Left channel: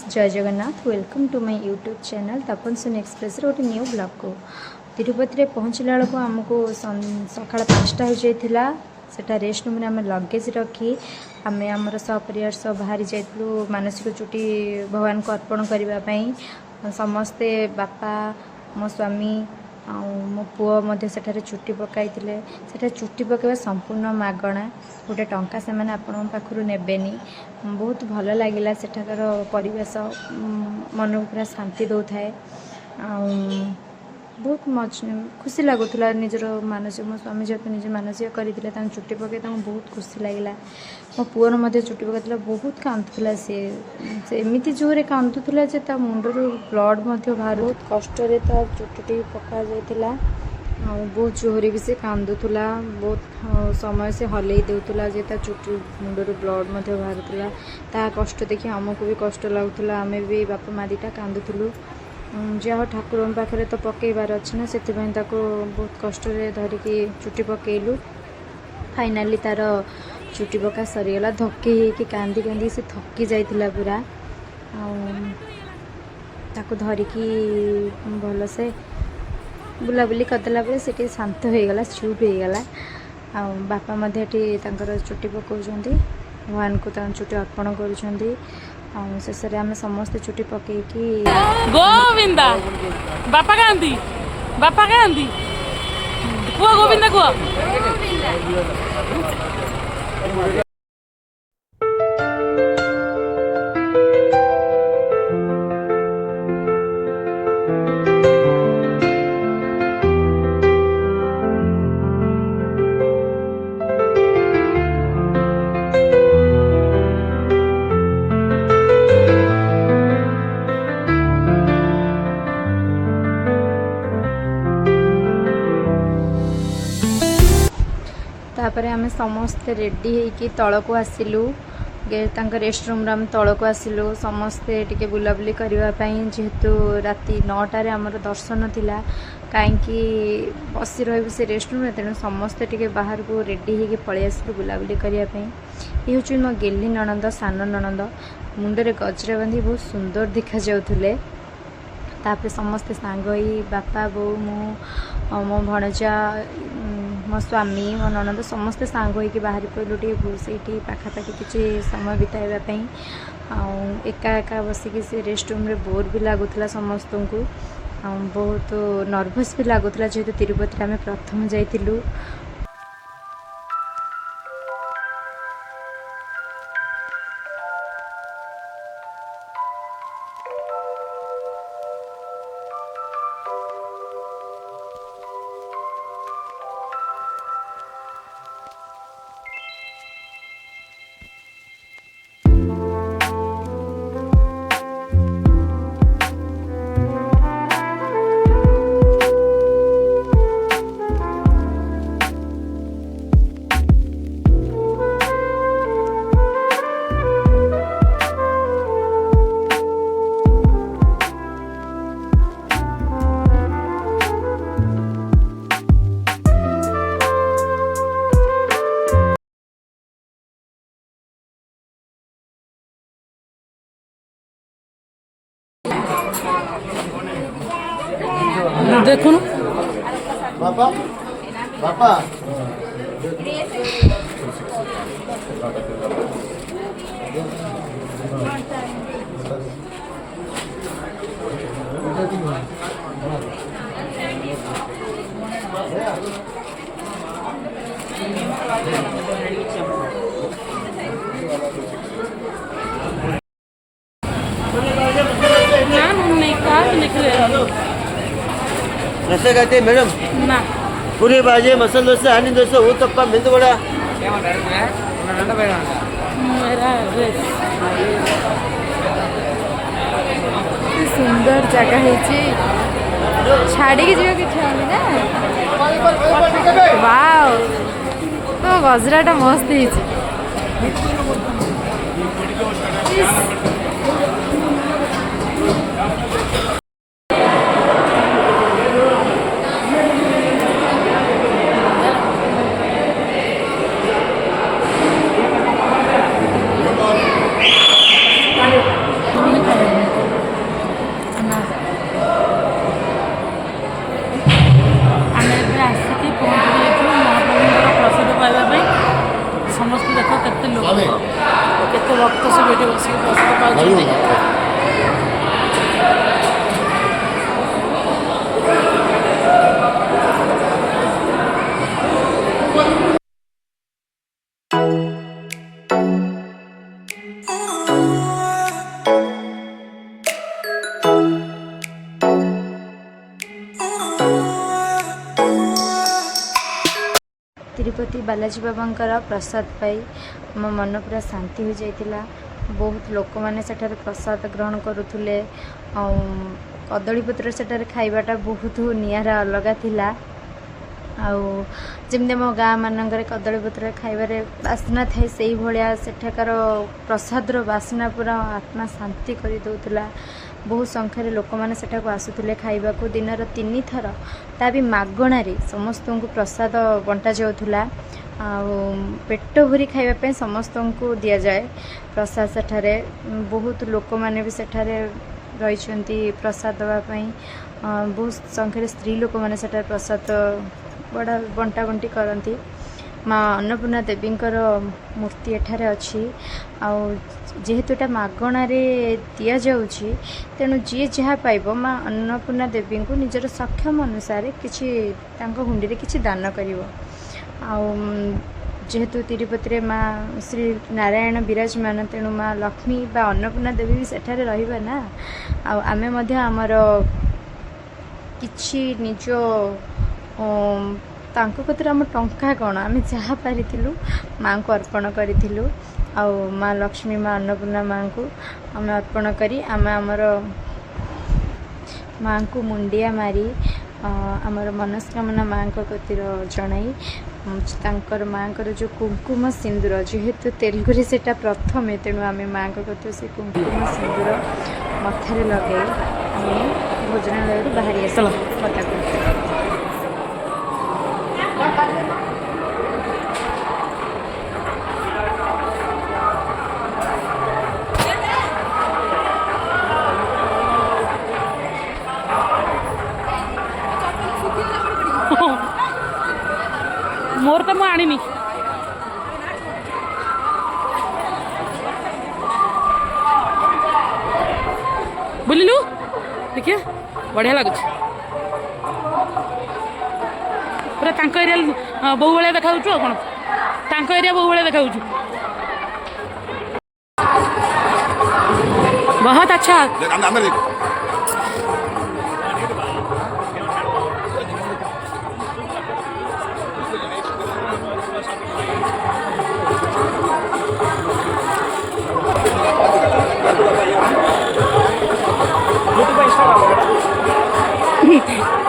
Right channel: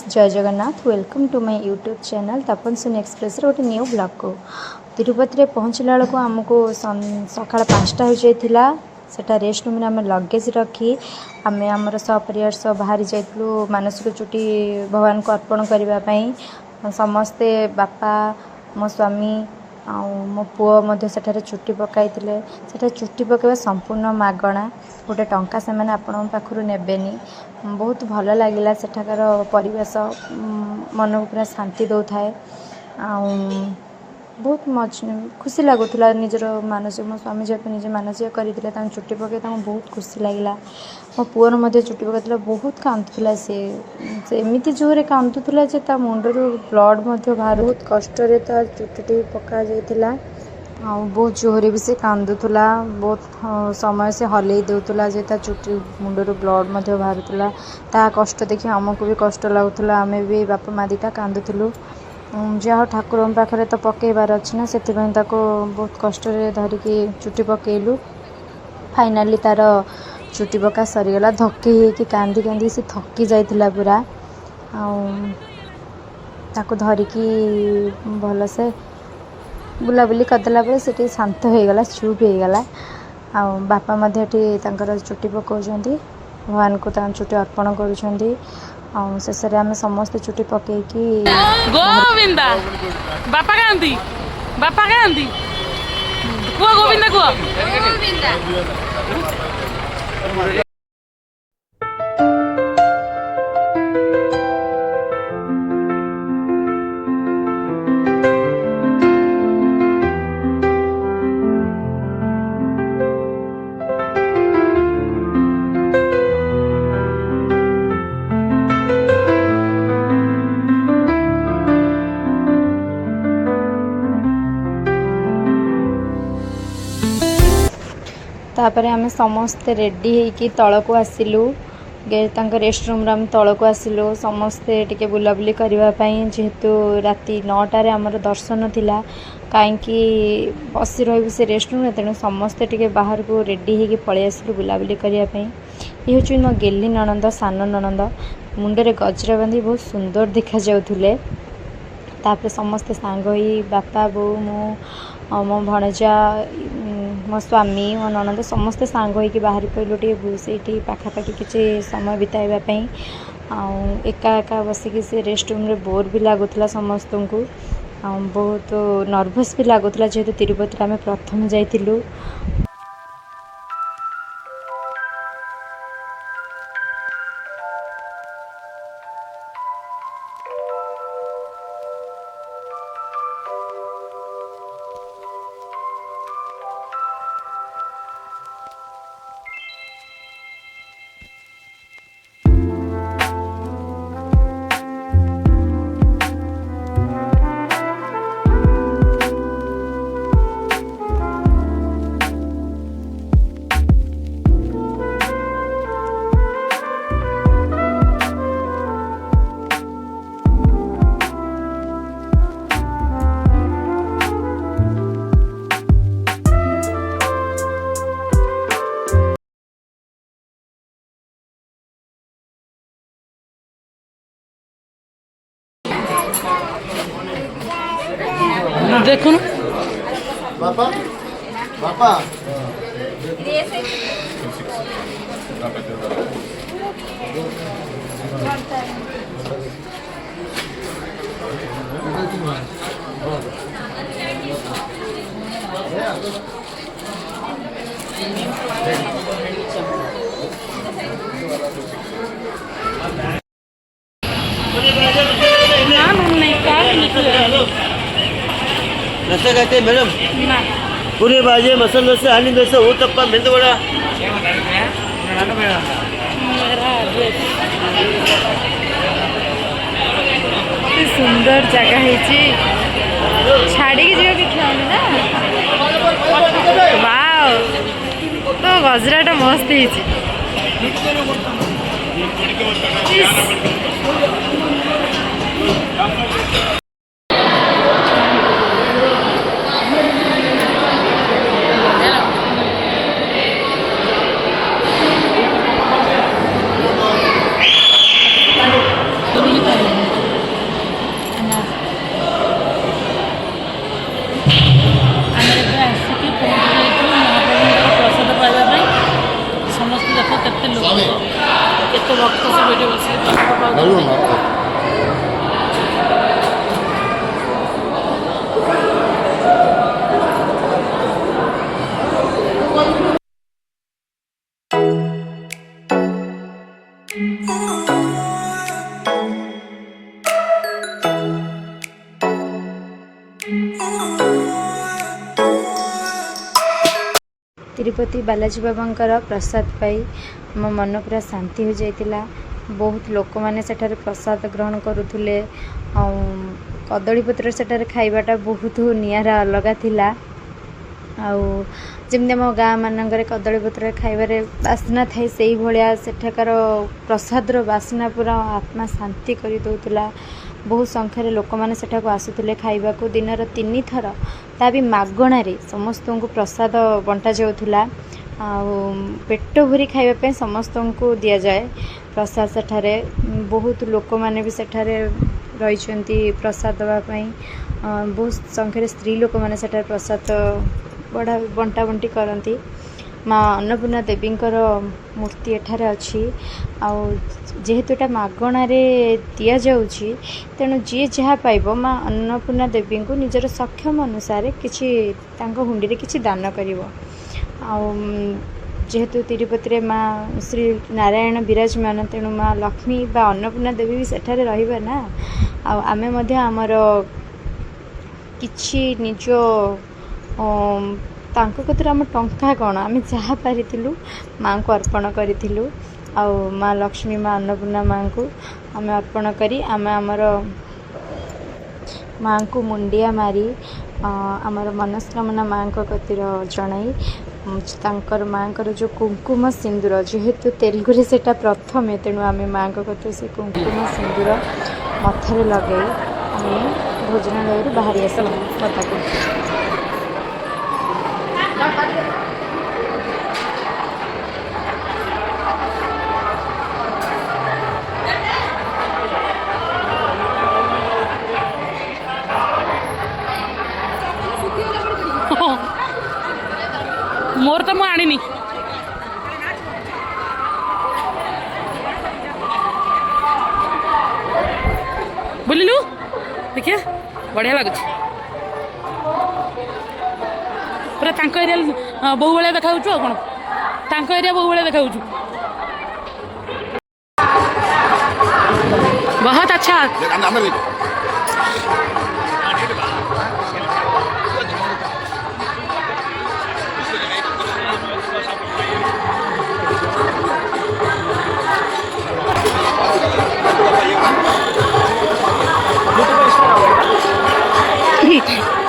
Friends जय Jagannath welcome to my YouTube channel Tapan Singh express गोटे new blog को तिरुपति पहुँचला बेलू आमको सका 5टा हो जाता सेटा रेस्ट रूम आम लगेज रखी आम आमर सपरिवार सब बाहरी जाइलु मानसिक चुटी भगवान को अर्पण करने समस्ते बापा मो स्वामी आ मो पुओ मध्य सेठारे चुट्टी पकाई चुट्टी पकाइबा संपूर्ण मागणा गोटे टंका से मैंने आपण पाखु नेबेनी बहुत भल लगिला सेठाकार परिवेश मन को पूरा शांति दौ थाए बहुत खुशी लगुला निजर मानसिक मो स्वामी जेहेतु निजे मानसिक करते चुट्टी पकई बहुत खुशी लगिला मो पुअर मध्य चुट्टी पकई बहुत कांदुला सी एमती जोरे कांदुला मुंडर ब्लड बाहर बहुत कष्ट चुट्टी पका जाइला बहुत जोरे भी से कांदुला बहुत समय से हलई देउतला जे चुट्टी मुंडर ब्लड बाहर ता कष्ट देखि आमको भी कष्ट लगुला आमे भी बापा माँ दीटा कांदुलु जहाँ ठाकुर पाखे तो पकईबार अच्छी ना से बहुत कष्ट धरिकी चुट्टी पकईलु फाइनाली तार चुट्टी पका सरीगला धक्की होगी कांदी कांदी से थकी जाइला पूरा ताको धरिकी भलसे बुलाबुली करदेला से शांत हो गला चुप हो गला बापा मध्य चुट्टी पकाउछंती भगवान को चुट्टी अर्पण करुछंती शेष आम समस्त चुट्टी पकईकी गोविंदा बापा कहती कुआ गोविंदा कुआ तापर आम समस्ते रेडी होगी तल को आसिलु रेस्ट रूम आम तल को आसिलु समस्ते टिके बुलाबुली करने जेहेतु राति 9टार आमर दर्शन थिला कहीं बसी रही से रेस्ट रूम तेणु समस्ते टिके बाहर को रेडी होगी पलि आसिलु बुलाबुली करने ये हूँ मो गेली ननंद सान ननंद मुंडरे गजरा बांधी बहुत सुंदर देखा जाउथुले तापर समस्ते सांग होई बापा बो मो भणजा मो स्वामी मो ननंद समस्ते सांग होइकी बाहरी पड़लु टे पाखापाखि किसी समय बिताइबापी एका एका बसिकी से रेस्ट रूम रे बोर भी लगुला समस्त को बहुत नर्भस भी लगुला जेहेतु तिरुपति आम प्रथम जाइलु देखो बापा बापा रस्सा कहते हैं मैडम ना पूरी भाजी मसाला डोसा हनी डोसा वो तप्पा मेंदु वड़ा सुंदर जगह है छाड़ी की जीवा इच्छा ना वाव तो गजराटा मस्त ना आम ए आसिक पहुँची जाइए महाप्रभुଙ୍କର प्रसाद पाइबा समस्त देख केते लोक केते भक्त सब ये बस प्रसाद पाँच तिरुपति बालाजी बाबांकर प्रसाद पाई मो मन पूरा शांति हो जाइतिला। बहुत लोक मैंने सेठारे प्रसाद ग्रहण करुले कदली पत्र सेठारे खाइबाटा बहुत नियारा अलगा थिला। आउ जमि आम गाँ मानक कदली पत्र खाइबारे बास्ना थाई से भाया सेठाकार प्रसाद बास्ना पूरा आत्मा शांति कर दौला। बहुत संख्यार लोक मैंने सेठाक आसुले खाइबा को दिन 3 थर ता भी मागणारे समस्त को प्रसाद बंटा जाऊला। पेट भरी खाइबा समस्त को दि जाए प्रसाद सेठारे। बहुत लोक मैंने भी सेठारे रही प्रसाद दवापाई। बहुत संख्यार स्त्री लोक मैंने सेठारे प्रसाद बड़ा बंटा बंटी करती। माँ अन्नपूर्णा देवींकर मूर्ति एठारे अच्छी जेहेतु एटा मागणारे दि जाऊँगी तेणु जी जहाँ पाइब माँ अन्नपूर्णा देवी को निजर सक्षम अनुसार किसी हुंडी किसी दान करिवो। जेहेतु तिरुपति माँ श्री नारायण विराजमान तेणु माँ लक्ष्मी बा अन्नपूर्णा देवी भी सेठारे रहिबा ना। आमे मध्य आमर किछि निज तांको कतिर आम टंका कौन आम जहाँ पारिलु माँ को अर्पण करूँ। माँ लक्ष्मी माँ अन्नपूर्णा माँ को आम अर्पण करी आम आमर माँ को मुंडिया मारी आमर मनस्कामना माँ को कतिर जनाई तांकर माँ को जो कुंकुम सिंदूर जेहेतु तेलुगु सेटा प्रथमे तेणु आम माँ को कतिर से कुंकुम सिंदूर मथारे लगे आम भोजनालय बाहरी आस पदाक। मोर तो मुझे आनी बुलिलु देखिए बढ़िया लगुच पूरा तांको एरिया बहु भाया देखा कौन तांको एरिया बहु भाया देखा बहुत अच्छा।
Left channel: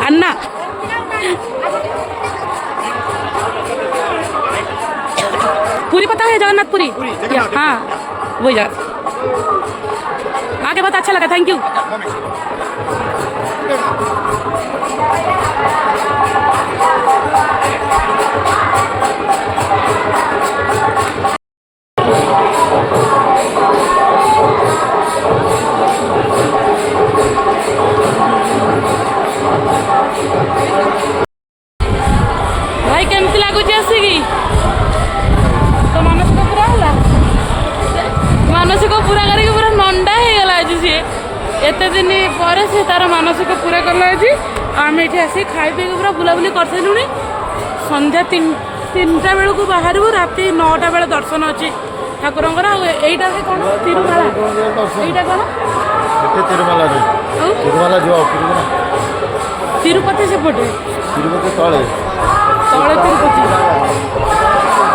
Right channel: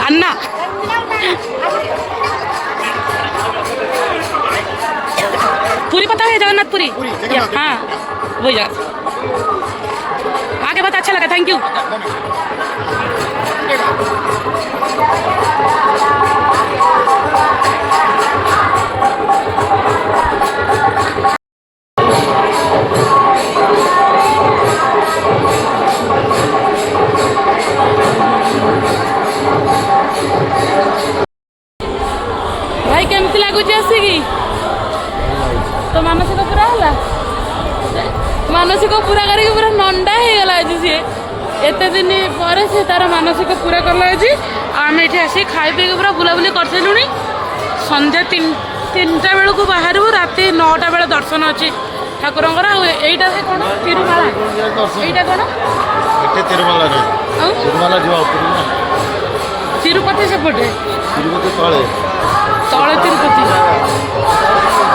अन्ना पूरी पता है जगन्नाथ पुरी हाँ वही जगह आगे बहुत अच्छा लगा। Thank you. भाई केमती लगुच आसिकी तो मानसिक पूरा है मानसिक पूरा करके पूरा नंडा हो गला आज सी एत दिन पर से तार मानसिक पूरा कला आज आम ये आसिक खाई पी पूरा बुलाबुली कर सारूँ। संध्या 3टा बेलू बाहर राति 9टा बेले दर्शन अच्छी ठाकुर यहीटा कौन तिरुमाला यहीटा कौन तिरुपति सेपटे तले तिरुपति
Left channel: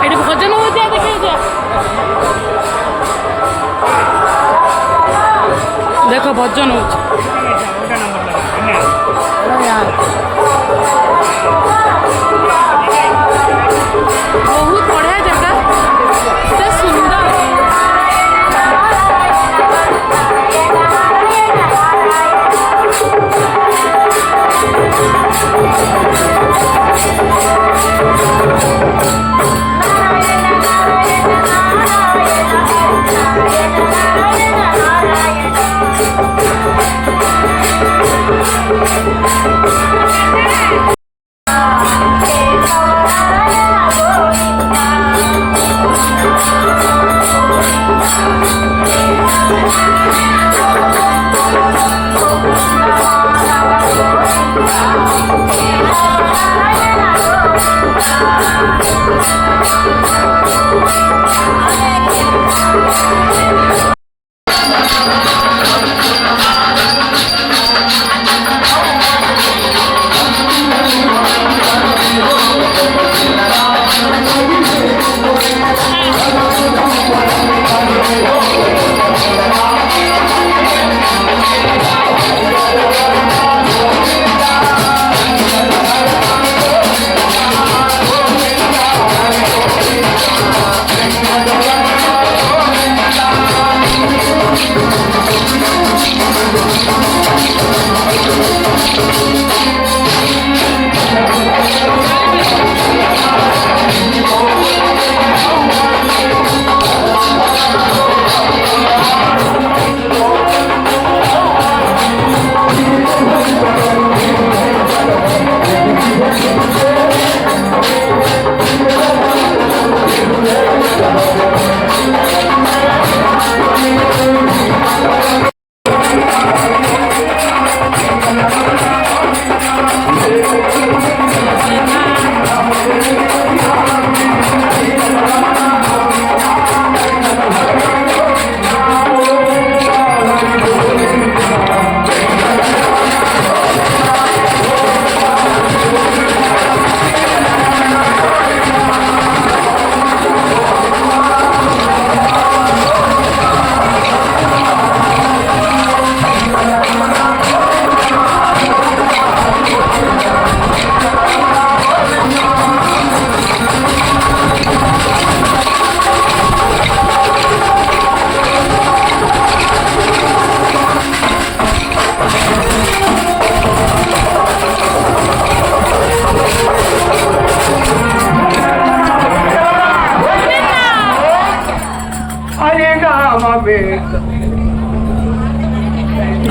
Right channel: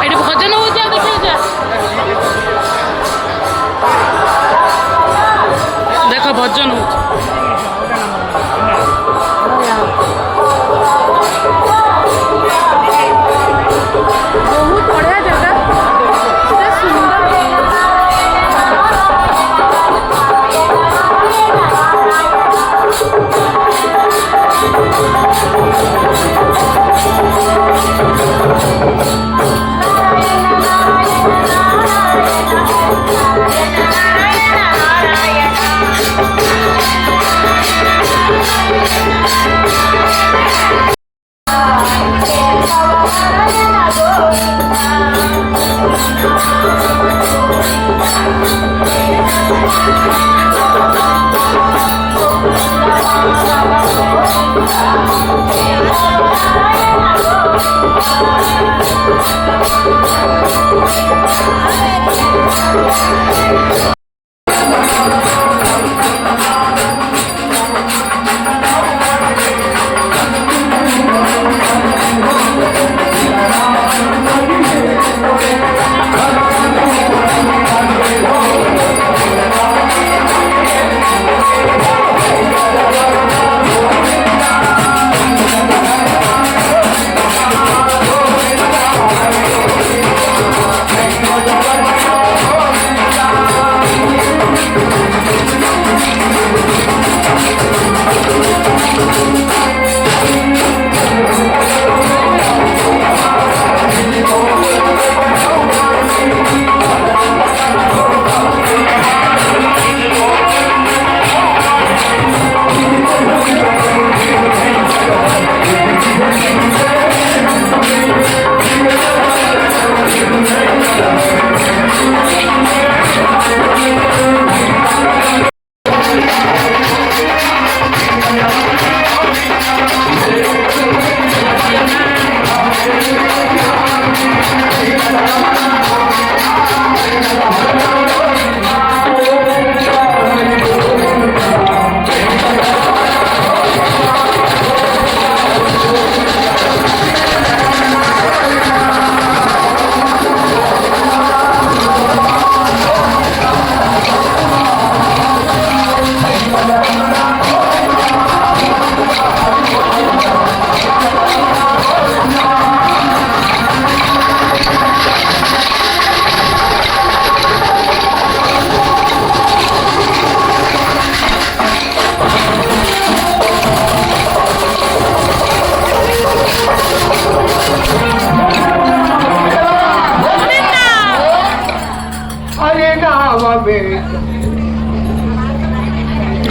ये भजन हो देखिए देख भजन हो बहुत बढ़िया जगह एते सुंदर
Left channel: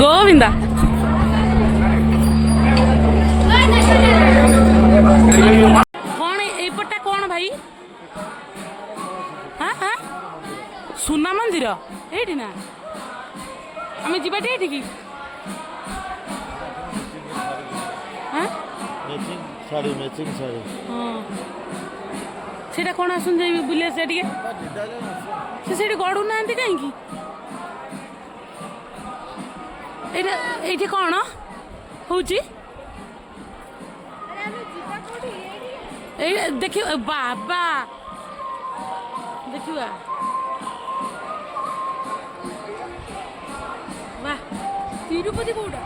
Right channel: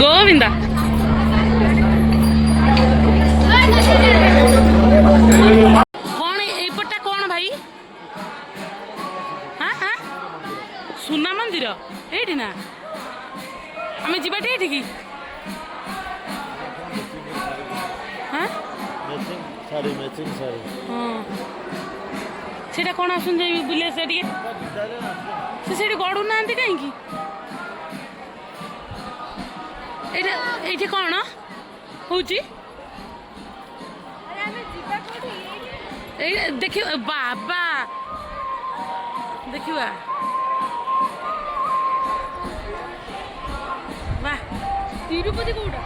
गोविंदा कौन एपटा कौन भाई हाँ हाँ सुना मंदिर ये ना आम जाटे ये कि हाँ हाँ सेटा कौन आसन बुले से गड़ू ना कहीं ये कौन हूँ देखिए बाबा देखिए वाह तिरुपति कौटा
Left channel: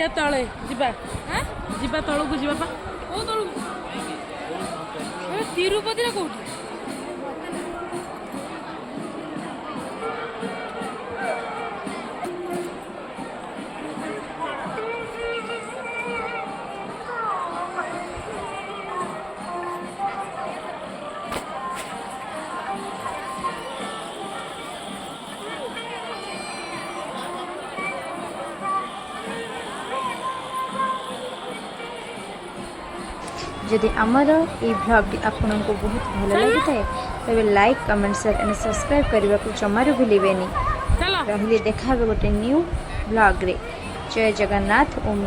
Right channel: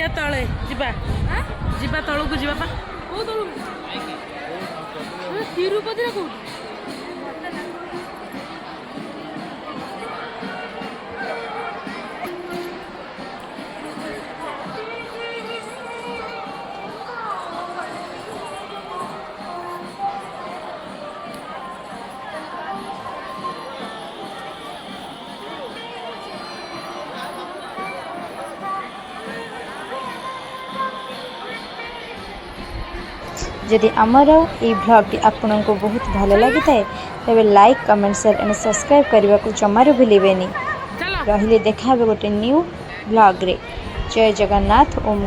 या तले जीवा तलू को जीवा तिरुपति कौटी जदि आमर ये ब्लॉग आपन को बहुत भल लगी थाए तेरे like comment share and subscribe करने को जमारू भूलें रही देखा गोटे न्यू ब्लॉग रे। जय जगन्नाथ ओम।